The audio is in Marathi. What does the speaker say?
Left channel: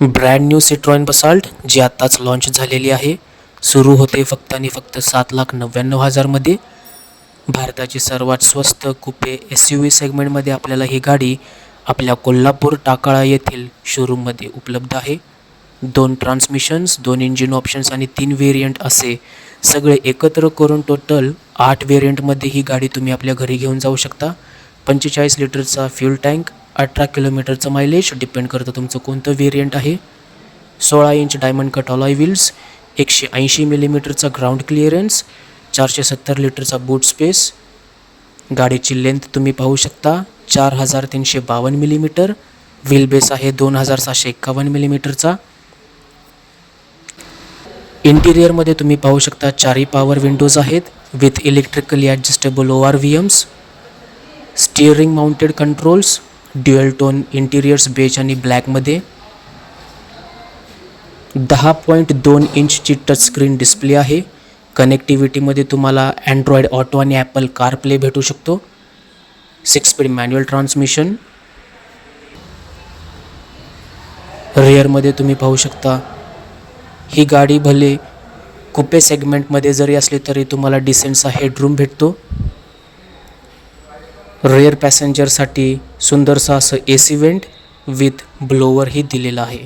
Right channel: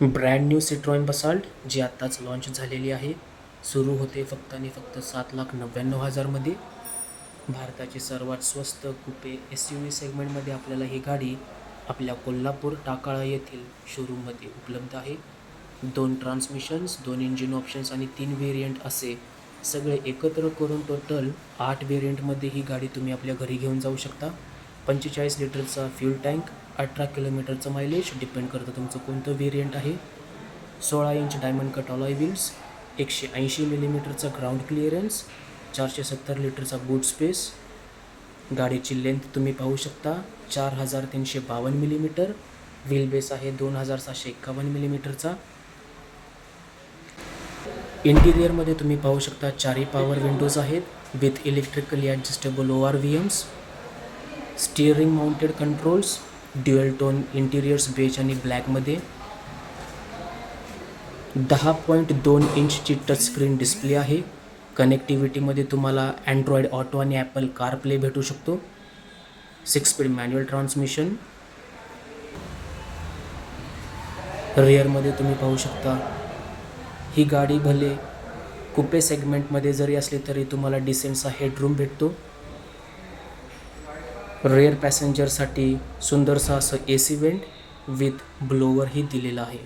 ब्रँड न्यू सिट्रॉइन बसाल्ट जी आत्ताच लॉन्च झालेली आहे. सुरू होते फक्त आणि फक्त 7,99,000मध्ये. भारताची सर्वात स्वस्त कुपे SUV सेगमेंटमध्ये आपल्याला ही गाडी आपल्या कोल्हापूर टाकाळा येथील शोरूममध्ये उपलब्ध आहे. 2 ट्रान्समिशन्स, 2 इंजिन ऑप्शन्स आणि 3 व्हेरियंट असे सगळे एकत्र करून टोटल 8 व्हेरियंटमध्ये ही गाडी तुम्ही आपल्या घरी घेऊन जाऊ शकता. 45 लिटरचा फ्यूल टँक, 18 किलोमीटरचं मायलेज, डिपेंड करतं तुमचं कोणतं व्हेरियंट आहे. 16 inch diamond cut alloy wheels, 180 मिलीमीटरचा ग्राउंड क्लिअरन्स, 470 लिटरचा बूट स्पेस. गाडीची लेंथ तुम्ही पाहू शकता 4,352 मिलीमीटर. व्हील बेस आहे 2,751 मिलीमीटरचा. इंटिरियरमध्ये तुम्ही पाहू शकता 4 पॉवर विंडोज आहेत with electrically adjustable ORVMs. Steering mounted controls, dual tone interiors beige आणि ब्लॅकमध्ये. 10.2 इंचची टचस्क्रीन डिस्प्ले आहे. कनेक्टिव्हिटीमध्ये तुम्हाला अँड्रॉइड ऑटो आणि ॲपल कारप्ले भेटू शकतो. 6 स्पीड मॅन्युअल ट्रान्समिशन. रेअरमध्ये तुम्ही पाहू शकता ही गाडी भले कुपे सेगमेंटमध्ये जरी असली तरी तुम्हाला डिसेंटचा हेडरूम भेटतो. रेअर पॅसेंजरसाठी सुंदरसा असं AC वेंट विथ ब्लोवरही दिलेलं आहे.